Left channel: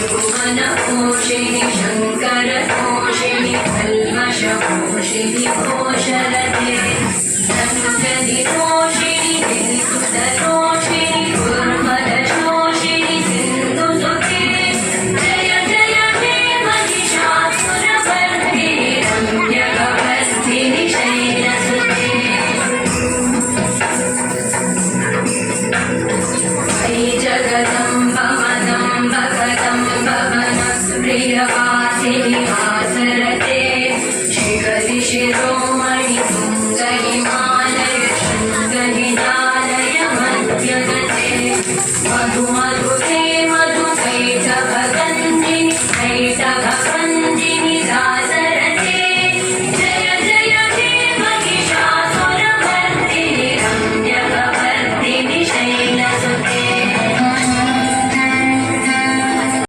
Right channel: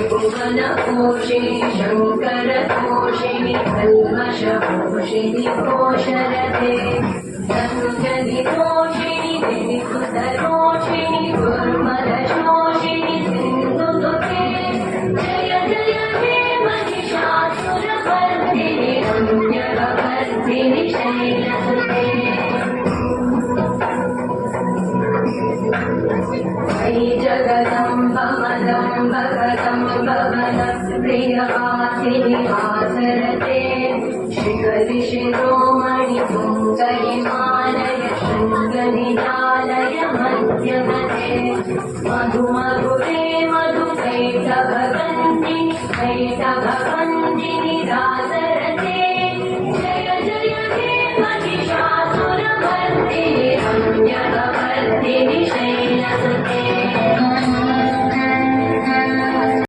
भुवनपोषिणि शङ्करतोषिणि कल्मषपोषिणि घोषरते धनुजनिपोषिणि गिरिसुतरोषिणि दुर्मदशोषिणि सिन्धुसुते जय जय हे महिषासुरमर्दिनि रम्यकवर्धिनि शैलसुते अयि जगदम्ब मदम्ब कदम्ब वनप्रियवासिनि वासर